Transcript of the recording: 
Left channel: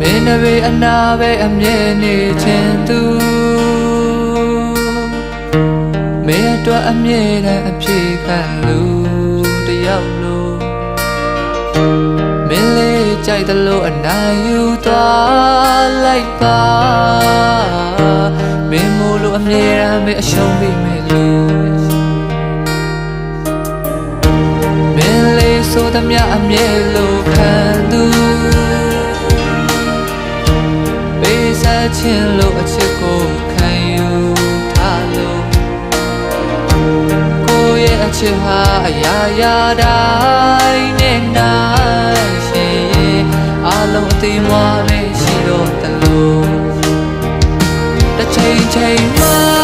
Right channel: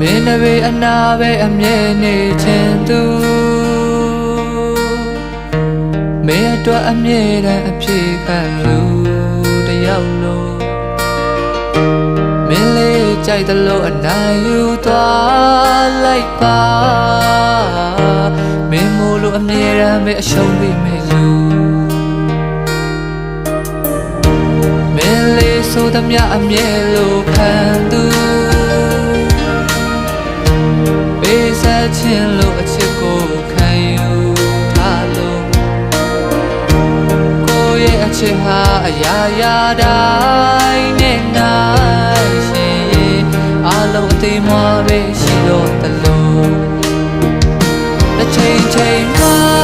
မင်းနဘေးအနာပဲအမြဲနေချင်သူမင်းအတွက်အမြဲတမ်းအပြေခံလူတယောက်လို့မင်းလေးကြိုက်တယ်လို့အနိုင်ယူသွားလိုက်ပါမင်းမို့လို့အမြဲတမ်းပဲအရှုံးပေးမယ်လူမင်းလေးဆိုသမျှအမြဲလို့ခံသူပေးဆက်ခြင်းလို့အချစ်ကိုခံယူထားလို့ကိုယ့်ရဲ့အချစ်ဟာအရာရာတိုင်းနဲ့နိုင်ရှင်ရဲ့အလုံးအသေးမွားပဲရှိတော့တလို့တစ်ချိန်ချိန်မှ